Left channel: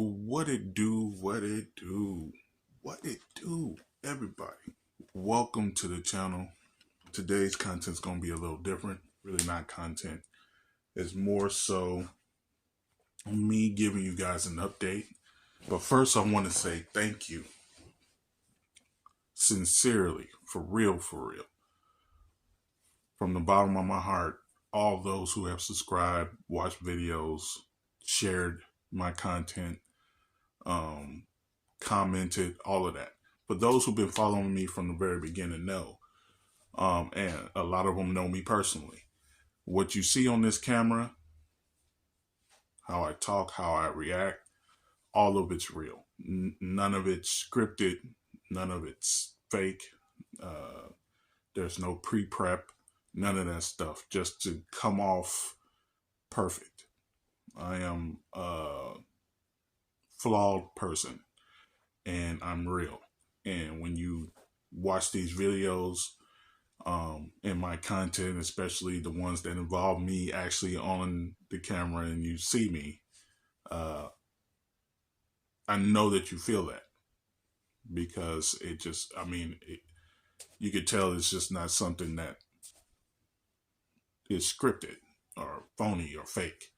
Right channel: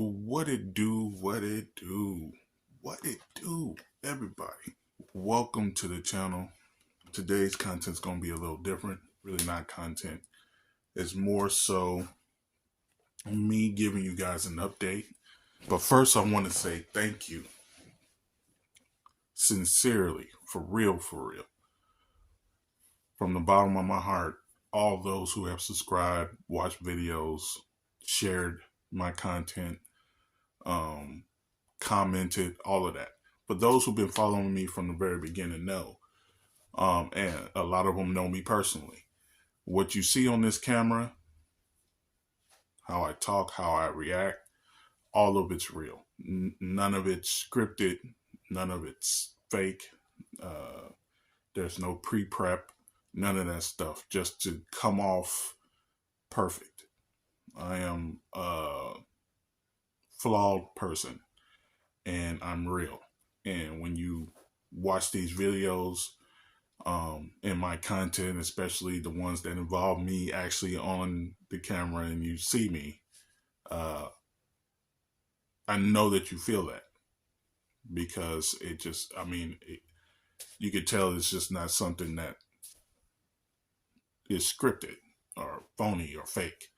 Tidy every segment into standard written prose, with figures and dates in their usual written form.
What it do, everybody. Welcome to the channel. Today's content's gonna be a little different. Really not content. It's more so me giving you guys an update. But first I want to say thank you. Sincerely, for real. From the bottom of my heart, all those who have subscribed, watched videos, shared my content, commented, all of that. For those who've been following me from the very beginning know, and a lot of them know me personally. What you see on this camera, how I talk, how I react, all of it's real. None of it's scripted. None of it's fake. There's no pre-prep. None of that stuff. Just to come off perfect. I am a flawed person. And I'm real. And when you watch these videos, in my content, especially the ones that involve me actually on the camera and you see me, I know that you feel that because you could tell it's just not something that is scripted or phony or fake.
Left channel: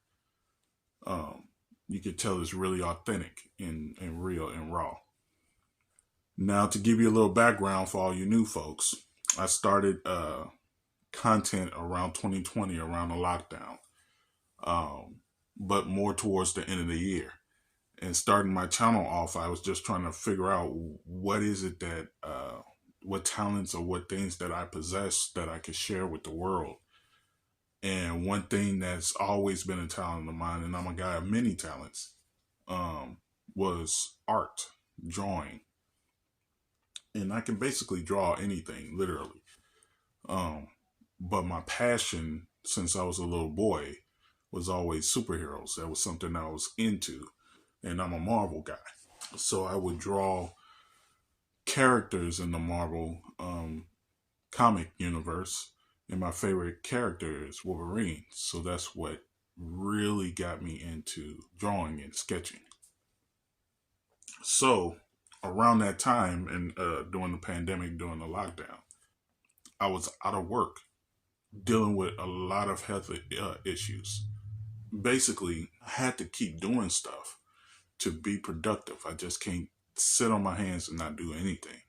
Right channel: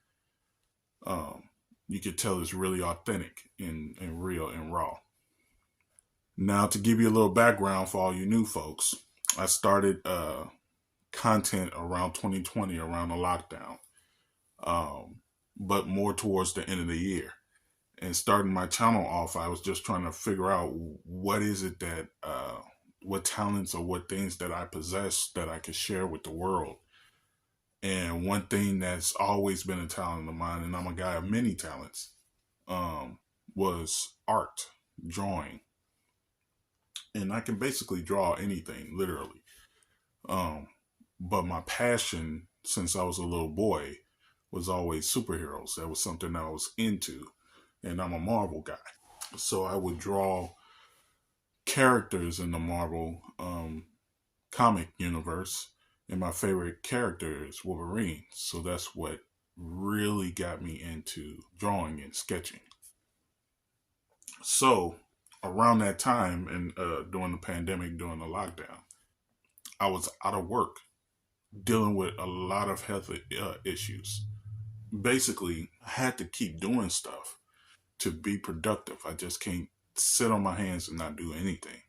You could tell it's really authentic and real and raw. Now, to give you a little background for all you new folks, I started content around 2020, around the lockdown, but more towards the end of the year. And starting my channel off, I was just trying to figure out what is it that, what talents or what things that I possess that I could share with the world. And one thing that's always been a talent of mine, and I'm a guy of many talents, was art, drawing. And I can basically draw anything, literally. But my passion since I was a little boy was always superheroes. That was something I was into. And I'm a Marvel guy. So I would draw characters in the Marvel comic universe. And my favorite character is Wolverine. So that's what really got me into drawing and sketching. So around that time, and during the pandemic, during the lockdown, I was out of work, dealing with a lot of health issues. Basically, I had to keep doing stuff to be productive. I just can't sit on my hands and not do anything.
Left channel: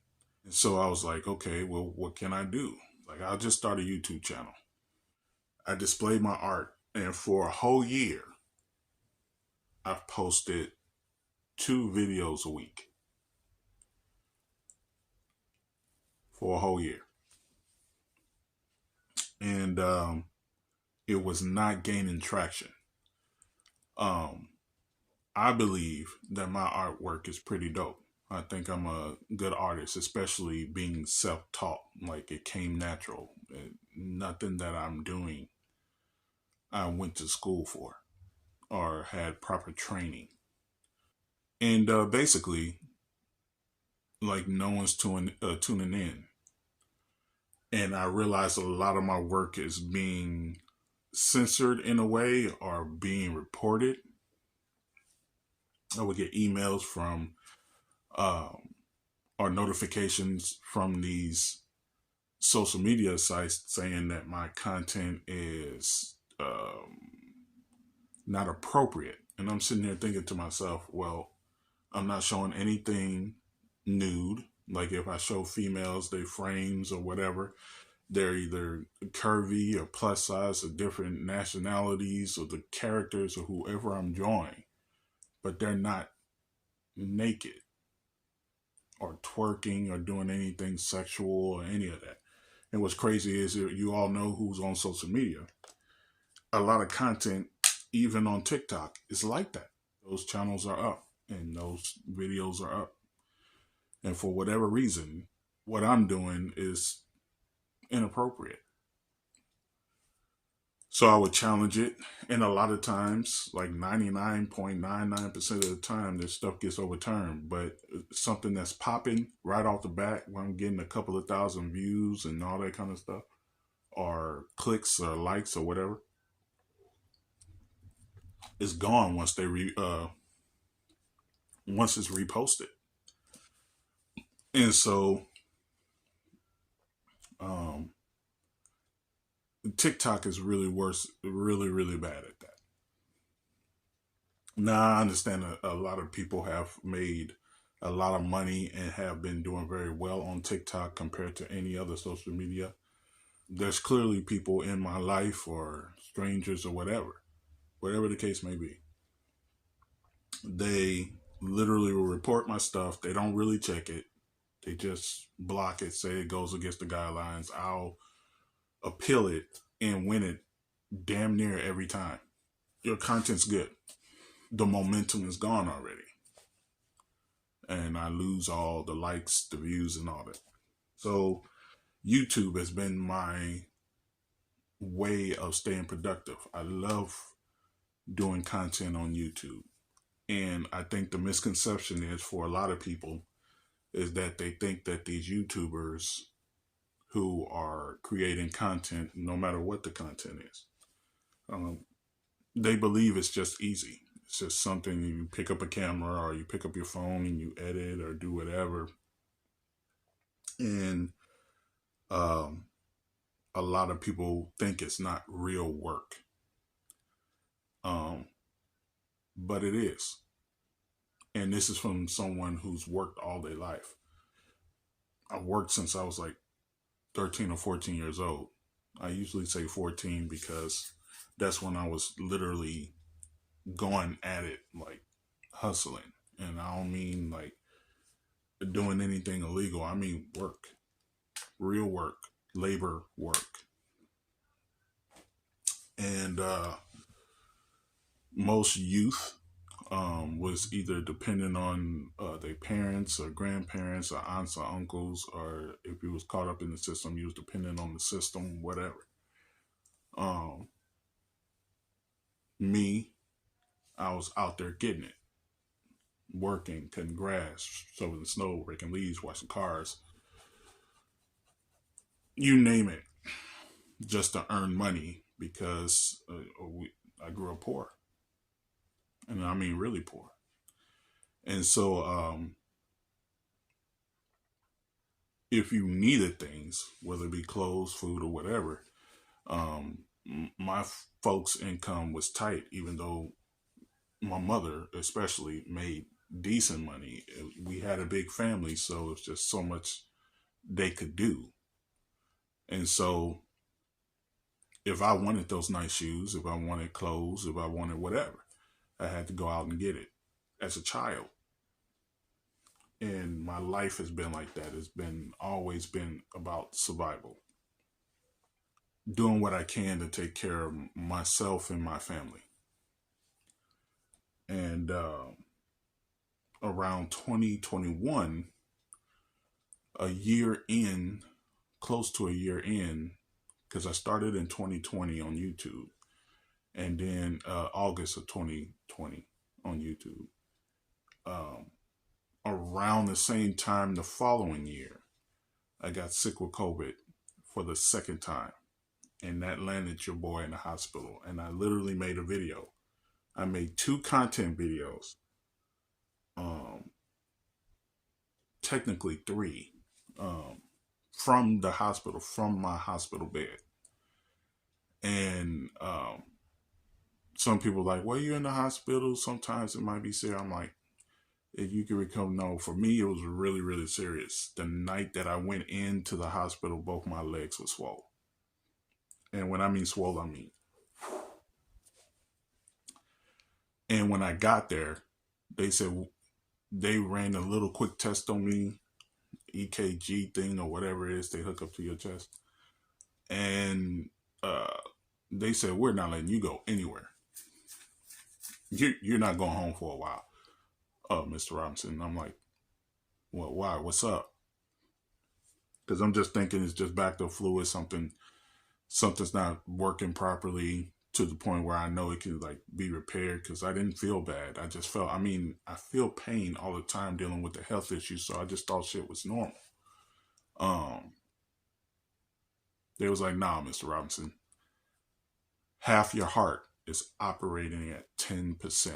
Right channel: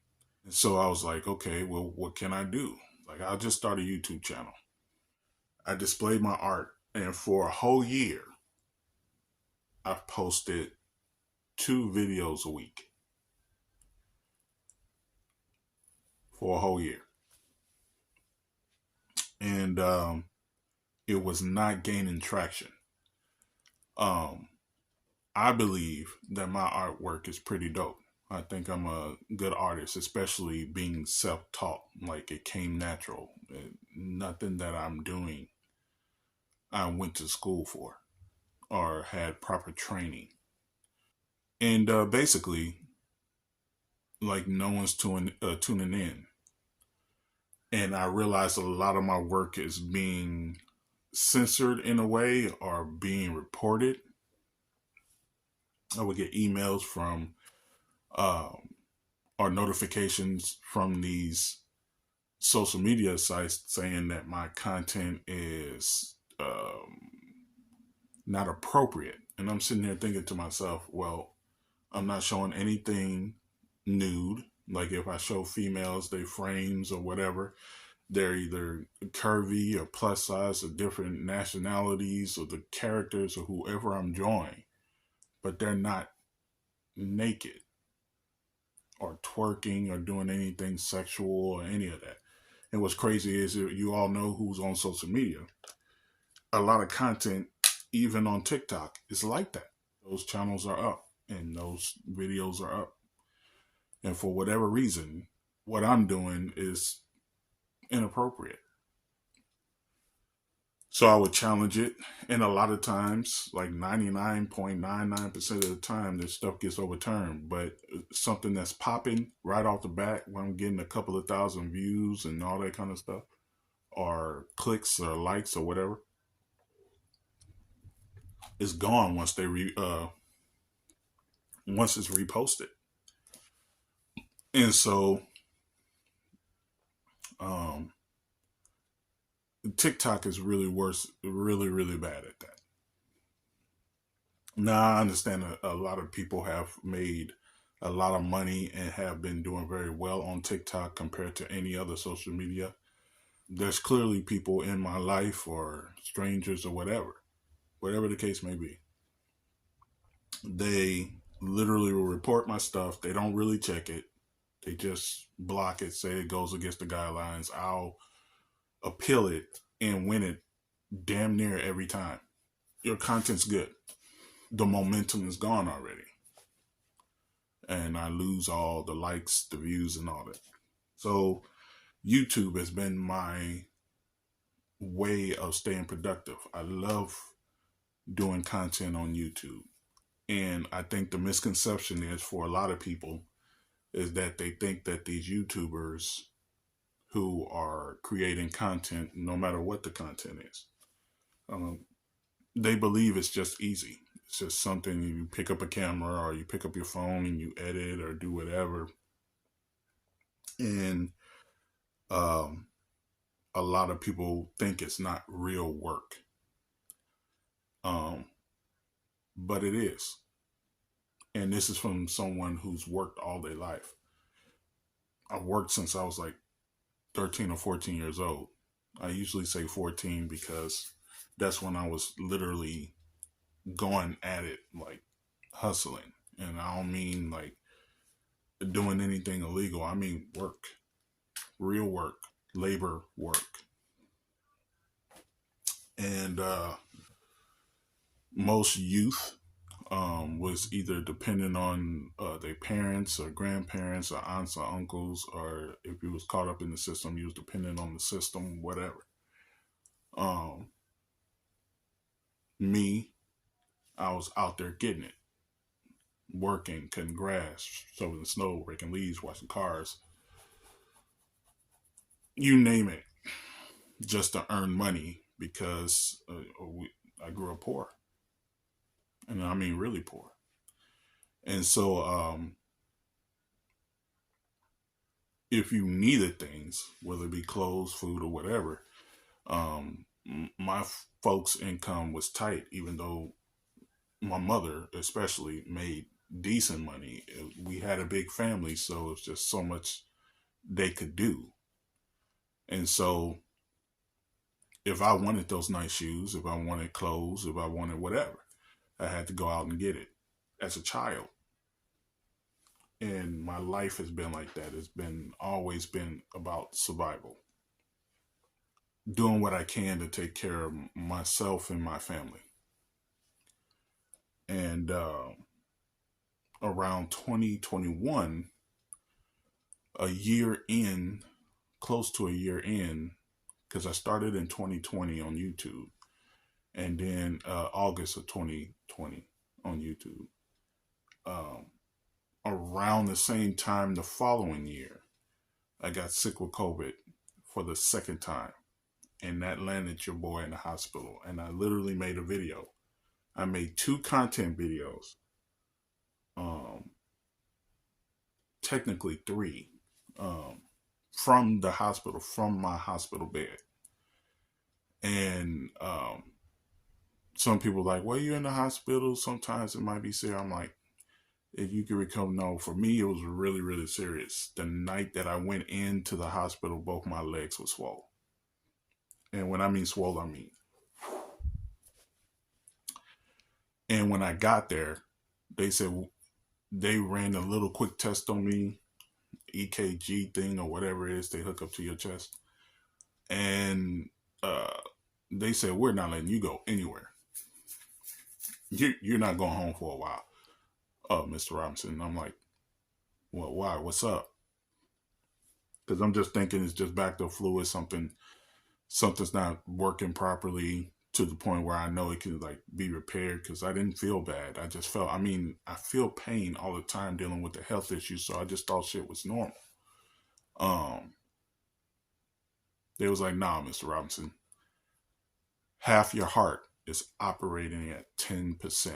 And so I was like, okay, well, what can I do? Like, I'll just start a YouTube channel. I displayed my art, and for a whole year, I've posted 2 videos a week. For a whole year. And it was not gaining traction. I believe that my artwork is pretty dope. I think I'm a good artist, especially being self-taught. Like, it came natural. Nothing that I'm doing I went to school for or had proper training. And basically, like, no one's tuning in. And I realized a lot of my work is being censored in a way or being reported. I would get emails from or notifications from these social media sites saying that my content is not appropriate. And I'm sitting there thinking to myself, well, I'm not showing anything nude. Like, if I show females, their frames or whatever, they're either curvy or plus size or different nationalities or the characters or whoever I'm drawing, but they're not naked or twerking or doing anything sexual or any of that. And what's crazy is that you all know who's on social media. A lot of content, even on TikTok, is like that. Those channels are up and those videos are up. And for whatever reason, what I'm doing is inappropriate. So I would challenge it. And a lot of times, like 99.99% of the time, this stuff gets overturned. But something that's popping right off the bat, when I'm getting a couple of thousand views and all that kind of stuff, or clicks or likes or whatever, it's gone once they once it's reposted. And so um, TikTok is really worse, really, really bad at that. Now, I understand a lot of people have made a lot of money and have been doing very well on TikTok compared to any other social media. There's clearly people in my life or strangers or whatever the case may be. They literally will report my stuff. They don't really check it. They just block it, say it goes against the guidelines. I'll appeal it and win it damn near every time. Your content's good. The momentum is gone already. And I lose all the likes, the views, and all that. So YouTube has been my way of staying productive. I love doing content on YouTube. And I think the misconception is for a lot of people is that they think that these YouTubers who are creating content, no matter what the content is, they believe it's just easy. It's just something you pick up a camera or you pick up your phone and you edit or do whatever. And a lot of people think it's not real work. But it is. And this is from someone who's worked all their life. I've worked since I was like 13 or 14 years old. I usually say 14 because that's when I was literally going at it, like hustling. And I don't mean like doing anything illegal. I mean work, real work, labor work. And most youth was either dependent on their parents or grandparents or aunts or uncles, or if he was caught up in the system, he was dependent on the system, whatever. Me, I was out there getting it, working, cutting grass, shoveling snow, raking leaves, washing cars, you name it, just to earn money because I grew up poor. And I mean really poor. And so if you needed things, whether it be clothes, food, or whatever, my folks' income was tight, even though my mother especially made decent money. We had a big family, so it was just so much they could do. And so if I wanted those nice shoes, if I wanted clothes, if I wanted whatever, I had to go out and get it as a child. And my life has been like that. It's been always been about survival. Doing what I can to take care of myself and my family. And around 2021, a year in, close to a year in, because I started in 2020 on YouTube, and then August of 2020 on YouTube. Around the same time the following year, I got sick with COVID for the second time, and that landed your boy in the hospital. And I literally made a video. I made 2 content videos, technically 3, from the hospital, from my hospital bed. And some people are like, well, you're in the hospital, sometimes it might be serious. I'm like, if you can recover, no, for me, it was really, really serious. The night that I went into the hospital, both my legs were swollen. And when I mean swollen, I mean. And when I got there, they said they ran a little quick test on me, EKG thing or whatever it is they hook up to your chest. And they said, we're not letting you go anywhere. You're not going home for a while, Mr. Robinson. And I'm like, well, why? What's up? Because I'm just thinking it's just back to fluid, something's not working properly to the point where I know it can like be repaired, because I didn't feel bad. I just felt, I feel pain all the time dealing with the health issues, so I just thought shit was normal. They was like, nah, Mr. Robinson, half your heart is operating at 10%.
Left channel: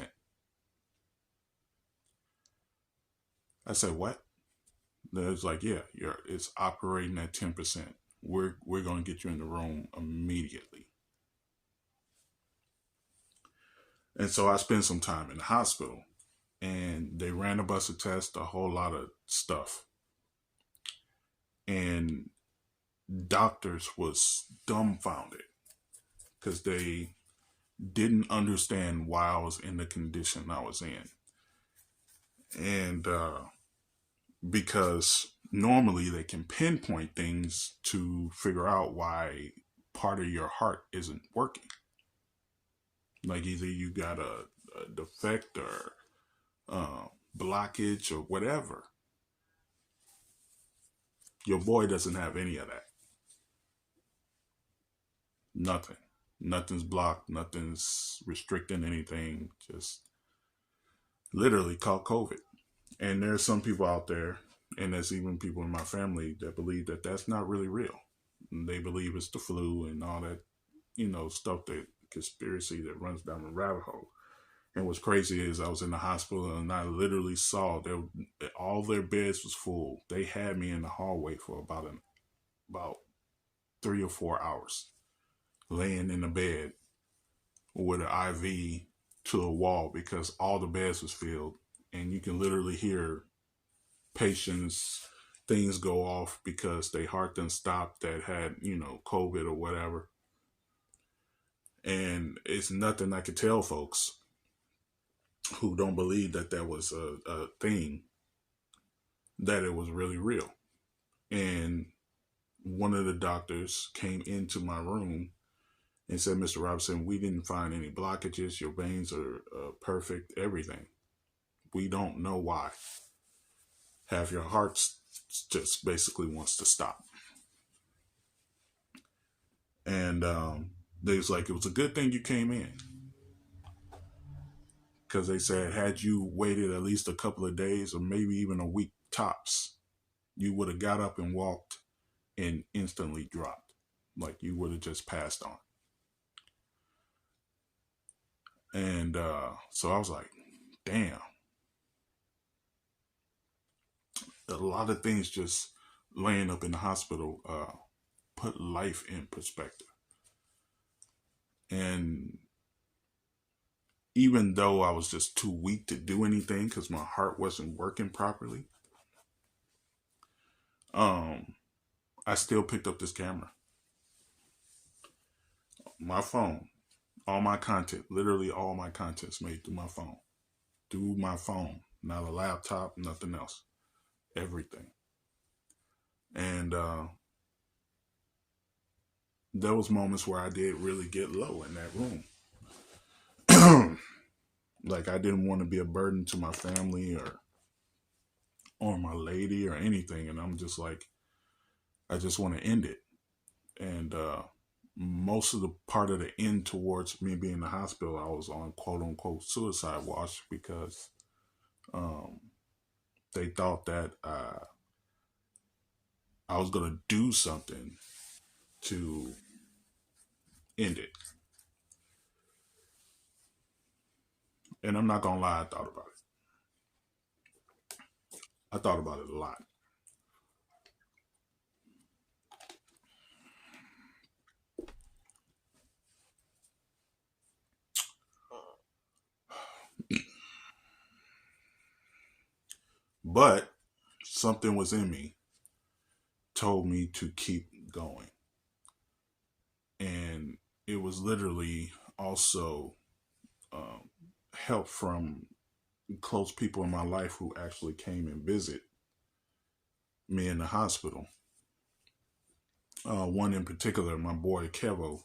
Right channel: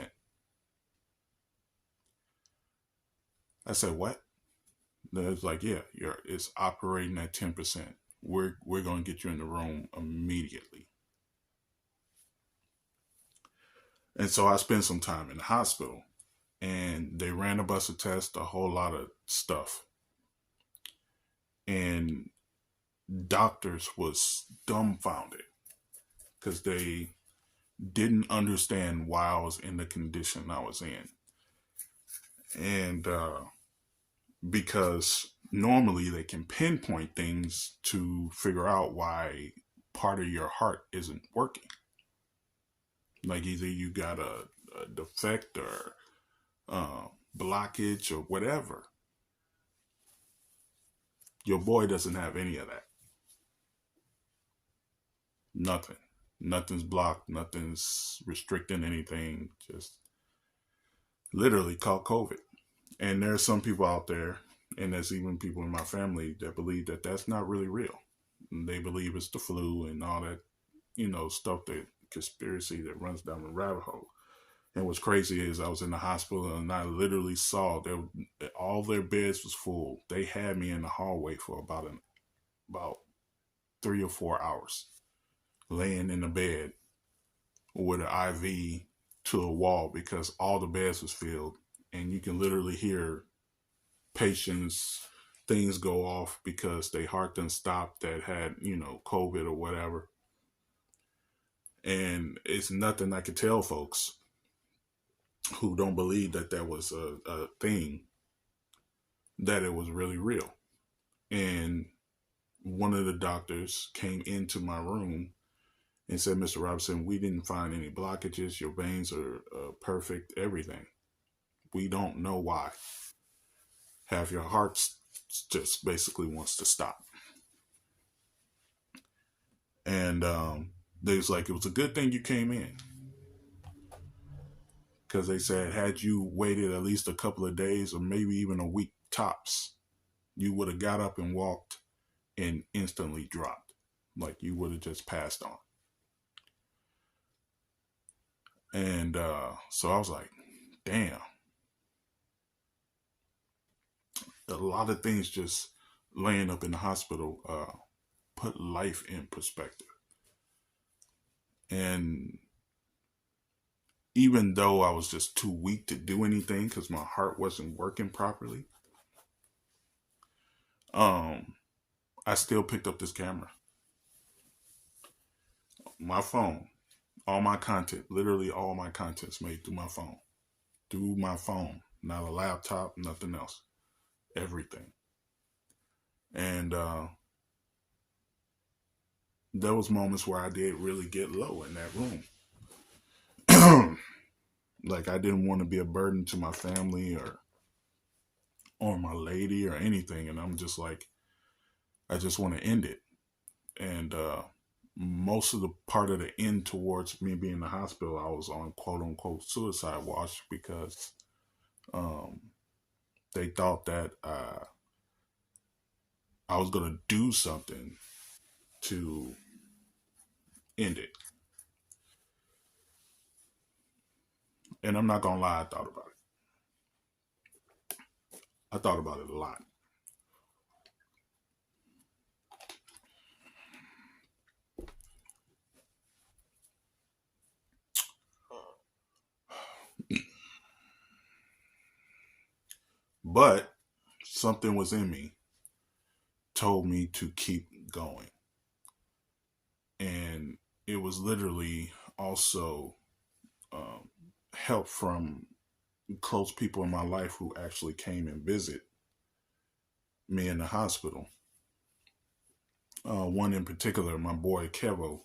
I said, what? Then it's like, yeah, it's operating at 10%. We're gonna get you in the room immediately. And so I spent some time in the hospital, and they ran a bunch of tests, a whole lot of stuff, and doctors was dumbfounded because they didn't understand why I was in the condition I was in, and because normally they can pinpoint things to figure out why part of your heart isn't working. Like either you got a defect or blockage or whatever. Your boy doesn't have any of that. Nothing. Nothing's blocked. Nothing's restricting anything. Just literally called COVID. And there's some people out there, and there's even people in my family that believe that that's not really real. And they believe it's the flu and all that, stuff, that conspiracy that runs down the rabbit hole. And what's crazy is I was in the hospital and I literally saw all their beds was full. They had me in the hallway for about 3 or 4 hours, laying in the bed with an IV to a wall because all the beds was filled, and you can literally hear patients things go off because their heart done stopped that had COVID or whatever. And it's nothing I could tell folks who don't believe that that was a thing, that it was really real. And one of the doctors came into my room and said, Mr. Robinson, we didn't find any blockages. Your veins are perfect, everything. We don't know why. Half your heart just basically wants to stop. And they was like, it was a good thing you came in. Because they said, had you waited at least a couple of days or maybe even a week tops, you would have got up and walked and instantly dropped. Like you would have just passed on. And so I was like, damn. A lot of things just laying up in the hospital put life in perspective. And even though I was just too weak to do anything because my heart wasn't working properly, I still picked up this camera. My phone, all my content, literally all my content's made through my phone. Through my phone, not a laptop, nothing else. Everything. And there was moments where I did really get low in that room. Like I didn't want to be a burden to my family or my lady or anything. And I'm just like, I just want to end it. And most of the part of the end towards me being in the hospital, I was on quote unquote suicide watch because they thought that I was going to do something to end it. And I'm not going to lie, I thought about it. I thought about it a lot. But something was in me, told me to keep going. And it was literally also help from close people in my life who actually came and visit me in the hospital. One in particular, my boy Kevo.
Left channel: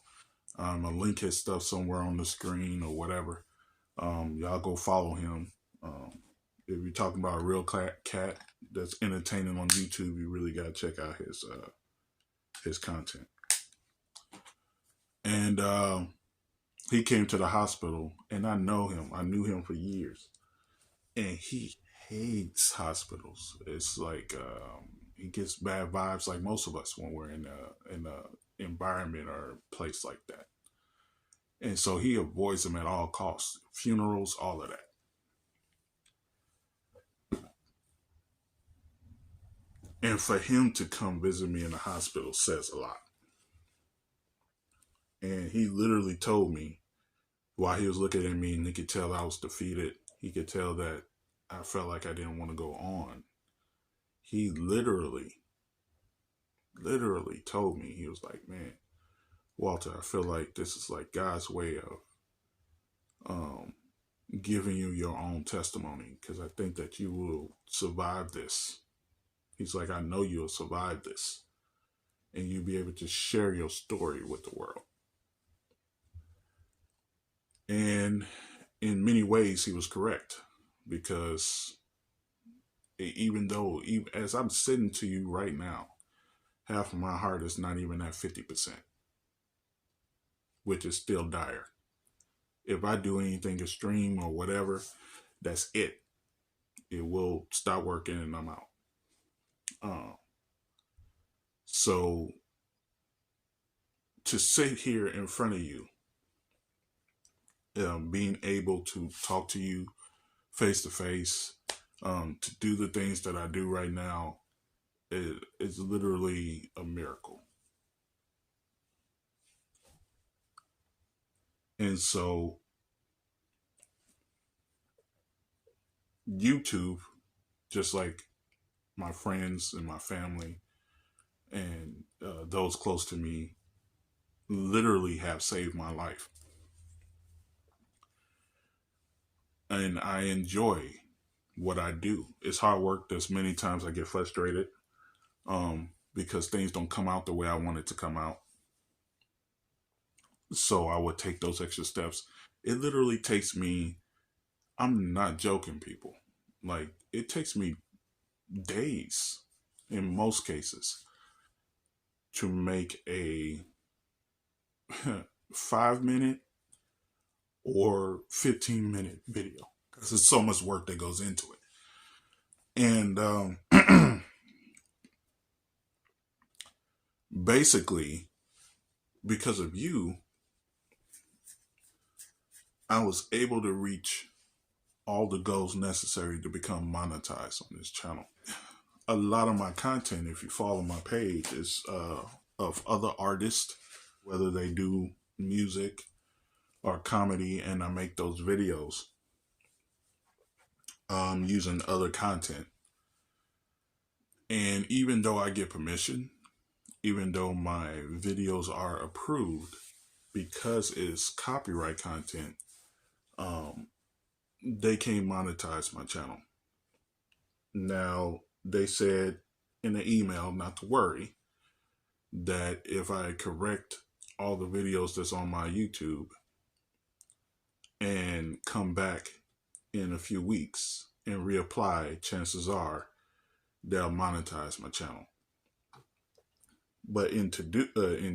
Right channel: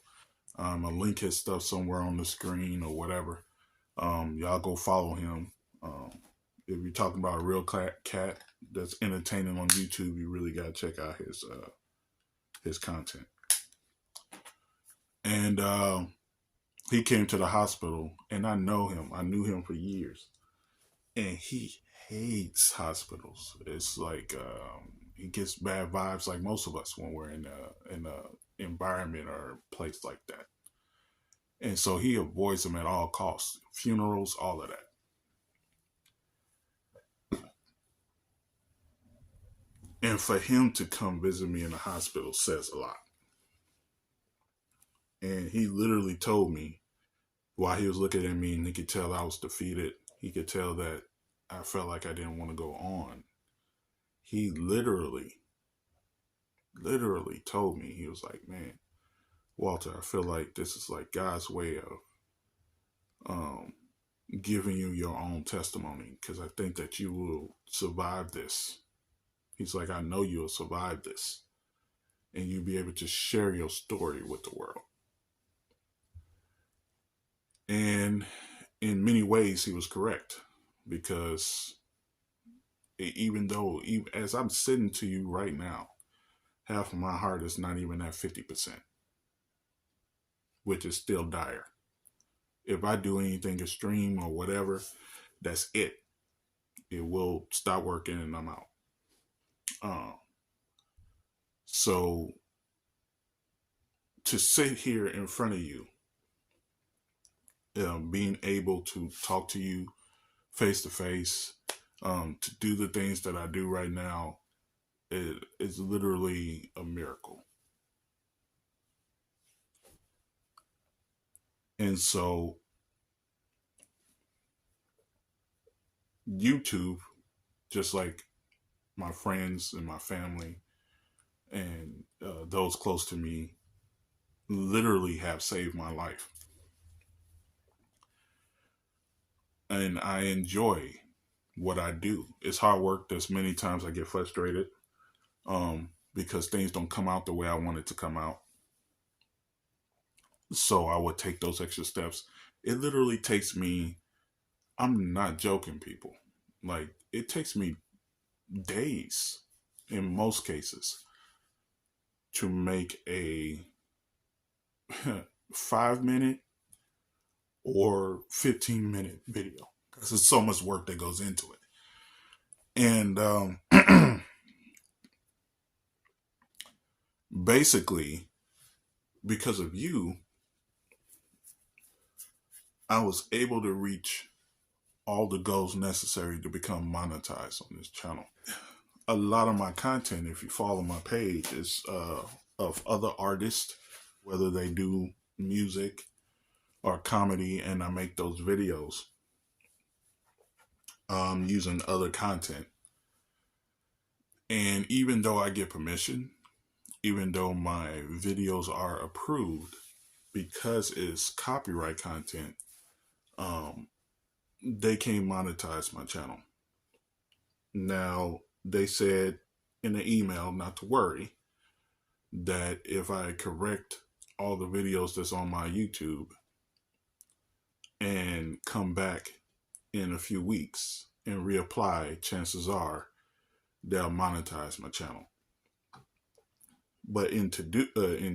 I'll link his stuff somewhere on the screen or whatever. Y'all go follow him. If you're talking about a real cat that's entertaining on YouTube, you really gotta check out his content. And he came to the hospital, and I know him. I knew him for years, and he hates hospitals. It's like he gets bad vibes, like most of us when we're in a environment or a place like that. And so he avoids them at all costs. Funerals, all of that. And for him to come visit me in the hospital says a lot. And he literally told me while he was looking at me, and he could tell I was defeated. He could tell that I felt like I didn't want to go on. He literally told me, he was like, man, Walter, I feel like this is like God's way of giving you your own testimony, because I think that you will survive this. He's like, I know you'll survive this, and you'll be able to share your story with the world. And in many ways, he was correct, because even though, even as I'm sitting to you right now, half of my heart is not even at 50%, which is still dire. If I do anything extreme or whatever, that's it. It will stop working and I'm out. So to sit here in front of you, being able to talk to you face to face, to do the things that I do right now, is literally a miracle. And so YouTube, just like my friends and my family and those close to me, literally have saved my life. And I enjoy what I do. It's hard work. There's many times I get frustrated because things don't come out the way I want it to come out. So I would take those extra steps. It literally takes me, I'm not joking, people. Like, it takes me days, in most cases, to make a 5-minute or 15-minute video, because there's so much work that goes into it. And basically, because of you, I was able to reach all the goals necessary to become monetized on this channel. A lot of my content, if you follow my page, is of other artists, whether they do music or comedy, and I make those videos using other content. And even though I get permission, even though my videos are approved, because it's copyright content, they can't monetize my channel. Now, they said in the email not to worry, that if I correct all the videos that's on my YouTube and come back in a few weeks and reapply, chances are they'll monetize my channel. But in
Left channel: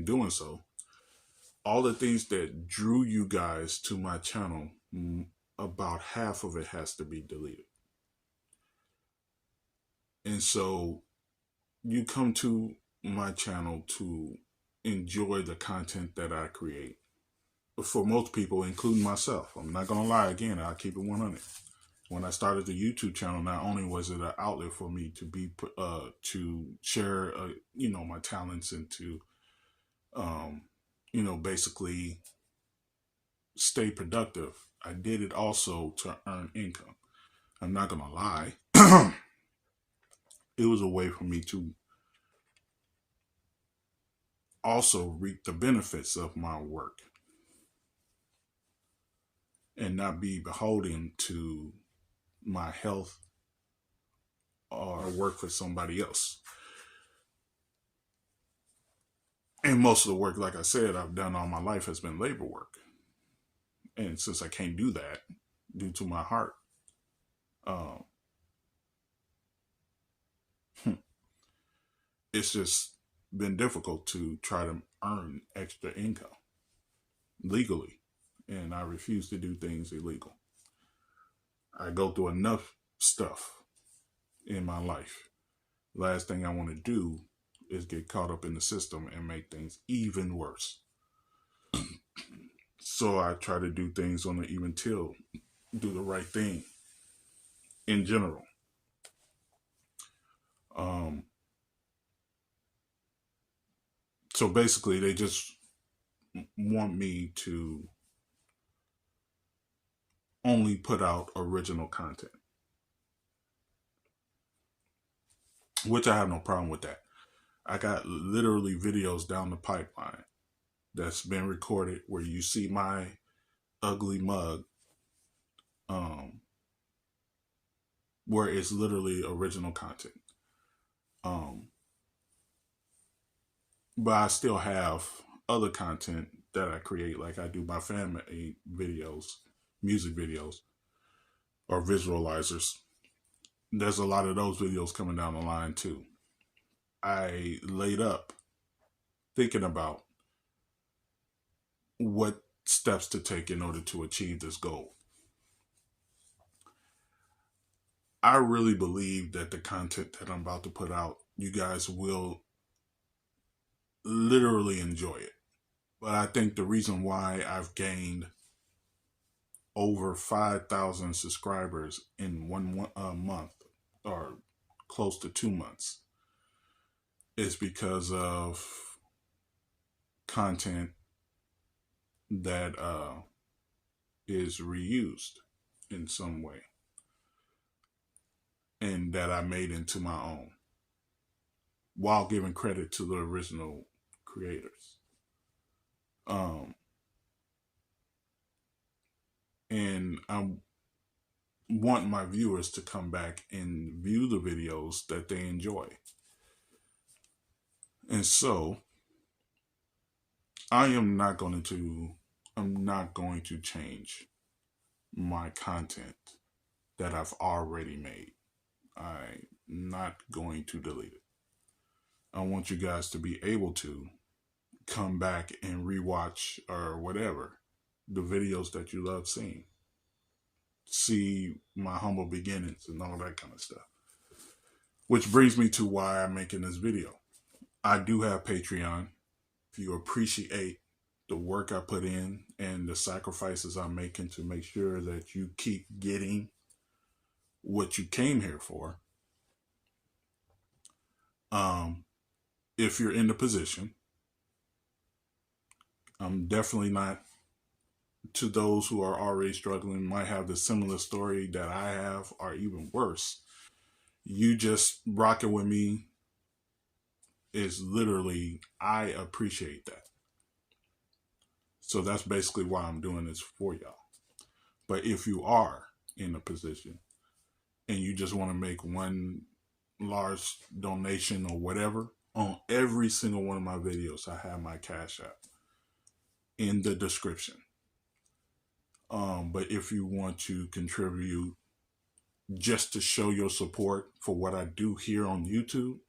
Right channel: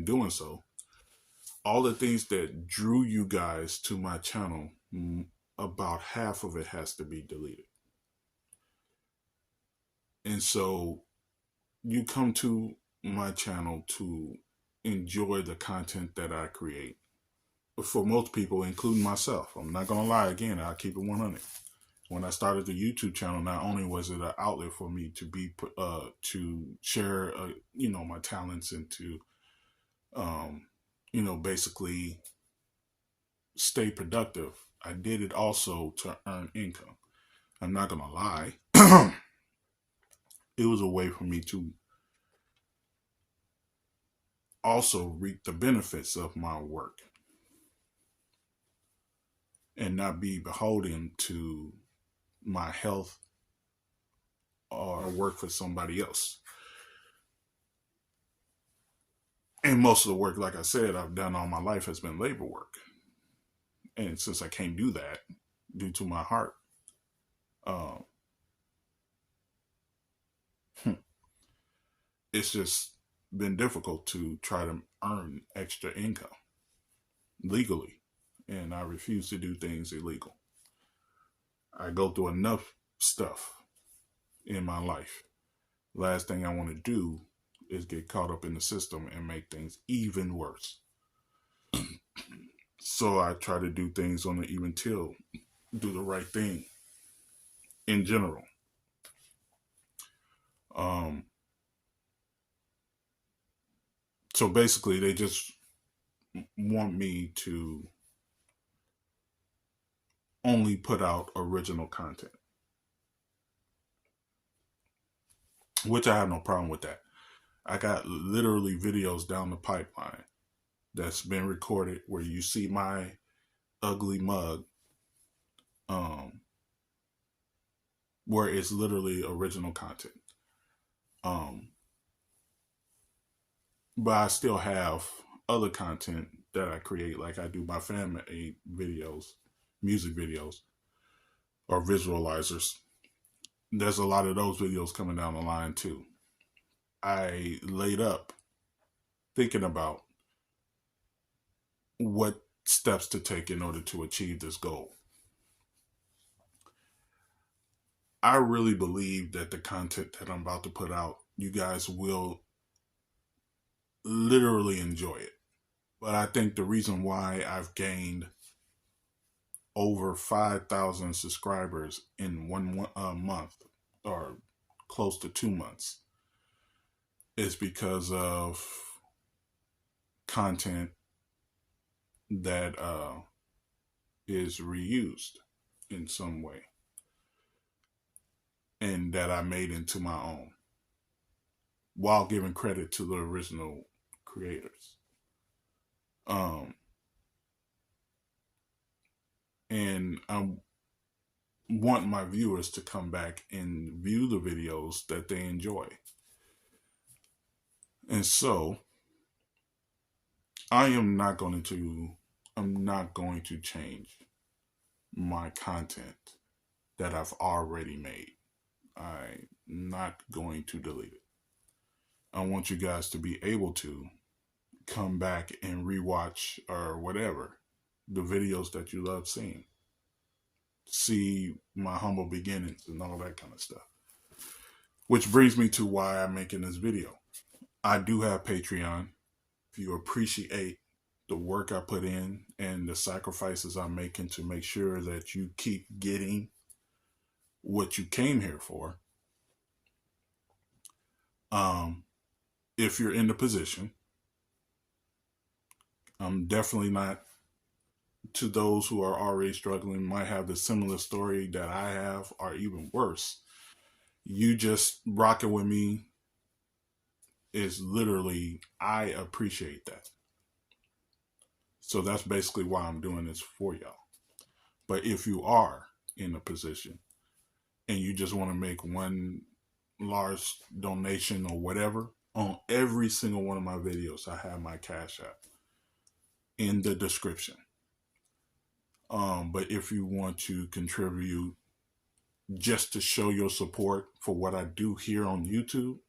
doing so, all the things that drew you guys to my channel, about half of it has to be deleted. And so you come to my channel to enjoy the content that I create. For most people, including myself, I'm not going to lie, again, I'll keep it 100. When I started the YouTube channel, not only was it an outlet for me to be to share, my talents, and to, basically stay productive, I did it also to earn income. I'm not going to lie. It was a way for me to also reap the benefits of my work and not be beholden to my health or work for somebody else. And most of the work, like I said, I've done all my life has been labor work. And since I can't do that due to my heart, it's just been difficult to try to earn extra income legally. And I refuse to do things illegal. I go through enough stuff in my life. Last thing I want to do is get caught up in the system and make things even worse. So I try to do things on the even till, do the right thing in general. So basically, they just want me to only put out original content, which I have no problem with that. I got literally videos down the pipeline that's been recorded where you see my ugly mug, um, where it's literally original content. Um, but I still have other content that I create, like I do my fan-made videos, music videos, or visualizers. There's a lot of those videos coming down the line too. I laid up thinking about what steps to take in order to achieve this goal. I really believe that the content that I'm about to put out, you guys will literally enjoy it. But I think the reason why I've gained over 5,000 subscribers in one month, or close to 2 months, is because of content that is reused in some way and that I made into my own, while giving credit to the original creators. And I want my viewers to come back and view the videos that they enjoy. And so I'm not going to change my content that I've already made. I'm not going to delete it. I want you guys to be able to come back and rewatch or whatever the videos that you love seeing. See my humble beginnings and all that kind of stuff. Which brings me to why I'm making this video. I do have Patreon. If you appreciate the work I put in and the sacrifices I'm making to make sure that you keep getting what you came here for, if you're in the position, I'm definitely not, to those who are already struggling, might have the similar story that I have, or even worse. You just rocking with me is literally, I appreciate that. So that's basically why I'm doing this for y'all. But if you are in a position and you just want to make one large donation or whatever, on every single one of my videos, I have my Cash App in the description. But if you want to contribute just to show your support for what I do here on YouTube,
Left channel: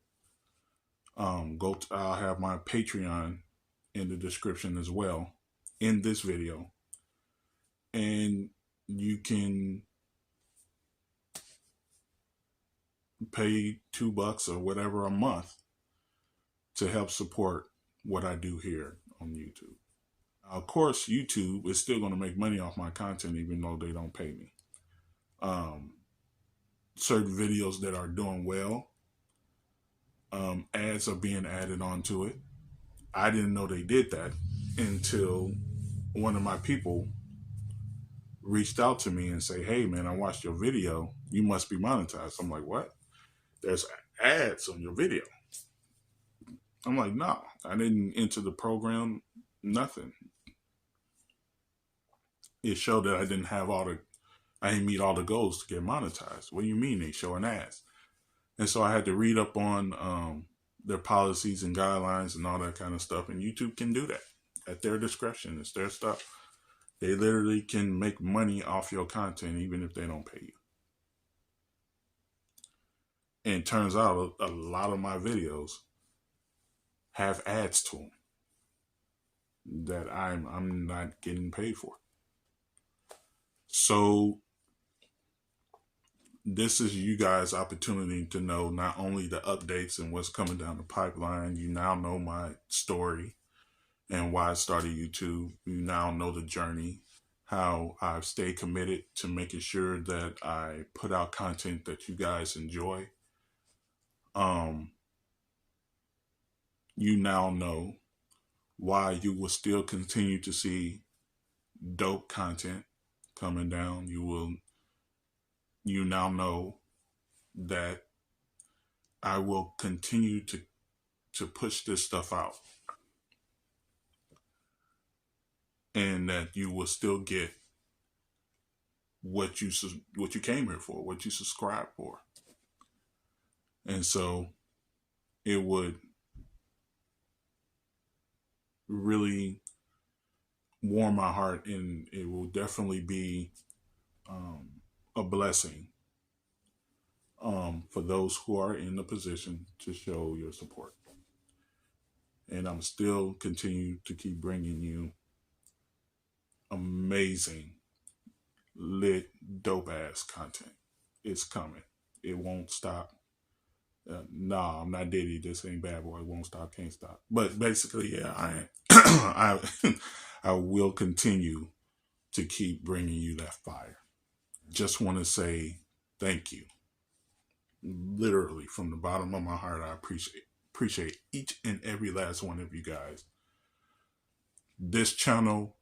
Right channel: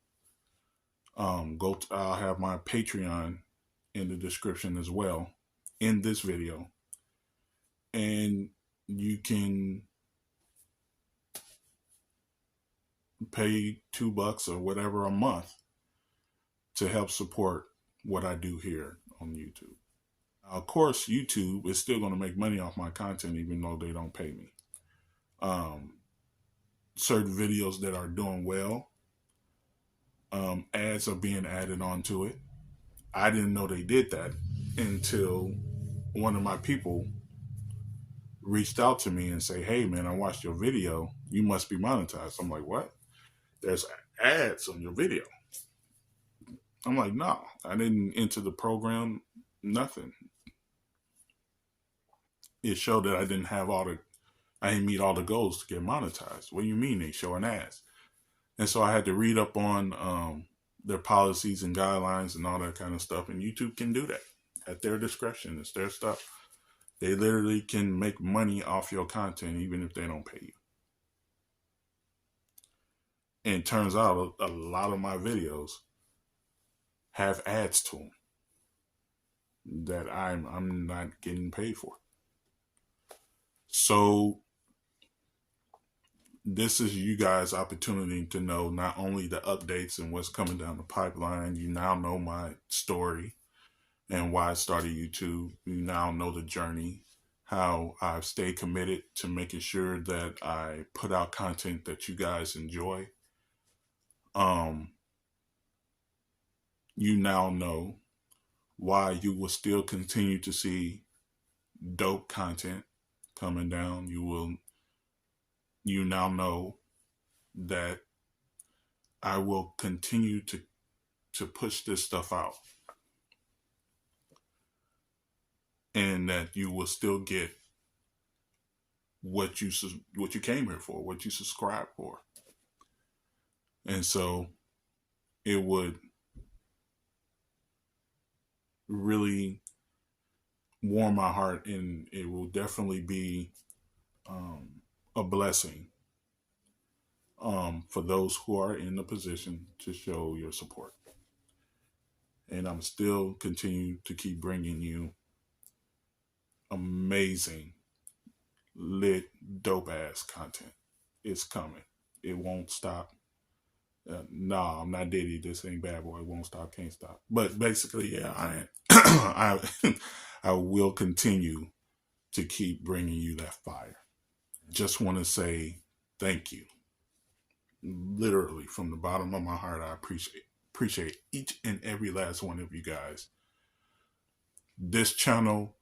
I'll have my Patreon in the description as well in this video. And you can pay $2 or whatever a month to help support what I do here on YouTube. Of course, YouTube is still going to make money off my content even though they don't pay me. Certain videos that are doing well, ads are being added onto it. I didn't know they did that until one of my people reached out to me and say, "Hey man, I watched your video. You must be monetized." I'm like, "What? There's ads on your video?" I'm like, "No, I didn't enter the program, nothing. It showed that I didn't meet all the goals to get monetized." "What do you mean they showing ads?" And so I had to read up on their policies and guidelines and all that kind of stuff. And YouTube can do that at their discretion. It's their stuff. They literally can make money off your content even if they don't pay you. And it turns out a lot of my videos have ads to them that I'm not getting paid for. So this is you guys' opportunity to know not only the updates and what's coming down the pipeline. You now know my story and why I started YouTube. You now know the journey, how I've stayed committed to making sure that I put out content that you guys enjoy. You now know why you will still continue to see dope content coming down. You now know that I will continue to push this stuff out, and that you will still get what you came here for, what you subscribe for. And so it would really warm my heart, and it will definitely be a blessing for those who are in the position to show your support. And I'm still continuing to keep bringing you amazing, lit, dope ass content. It's coming. It won't stop. Nah, I'm not Diddy. This ain't Bad Boy. It won't stop, can't stop. But basically, yeah, I I will continue to keep bringing you that fire. Just want to say thank you. Literally, from the bottom of my heart, I appreciate each and every last one of you guys. This channel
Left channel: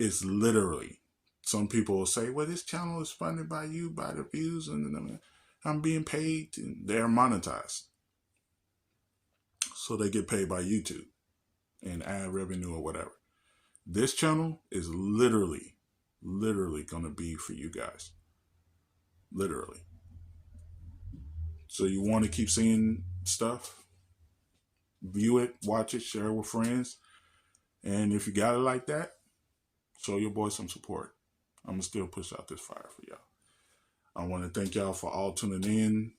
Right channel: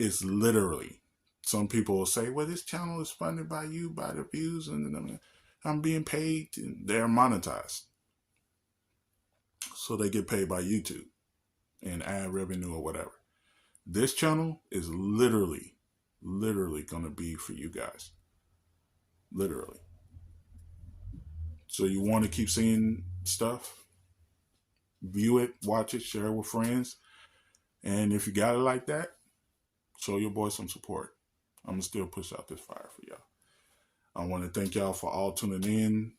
is literally, some people will say, well, this channel is funded by you, by the views, and I'm being paid. They're monetized. So they get paid by YouTube and ad revenue or whatever. This channel is literally going to be for you guys. Literally. So you want to keep seeing stuff? View it, watch it, share it with friends. And if you got it like that, show your boy some support. I'm going to still push out this fire for y'all. I want to thank y'all for all tuning in.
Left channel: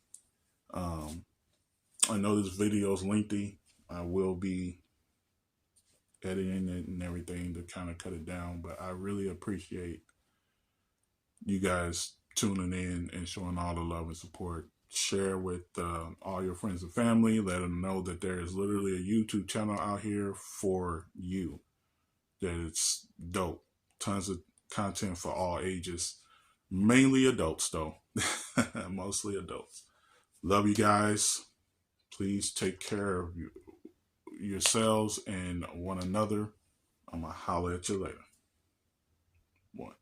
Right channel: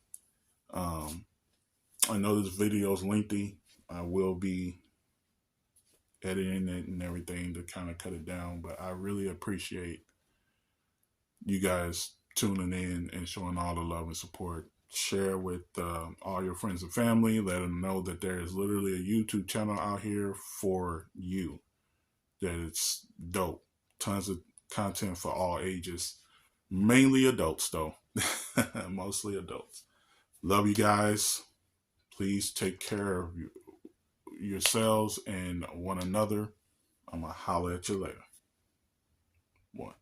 I know this video is lengthy. I will be editing it and everything to kind of cut it down, but I really appreciate you guys tuning in and showing all the love and support. Share with all your friends and family. Let them know that there is literally a YouTube channel out here for you. That it's dope. Tons of content for all ages. Mainly adults, though. Mostly adults. Love you guys. Please take care of yourselves and one another. I'm going to holler at you later. One.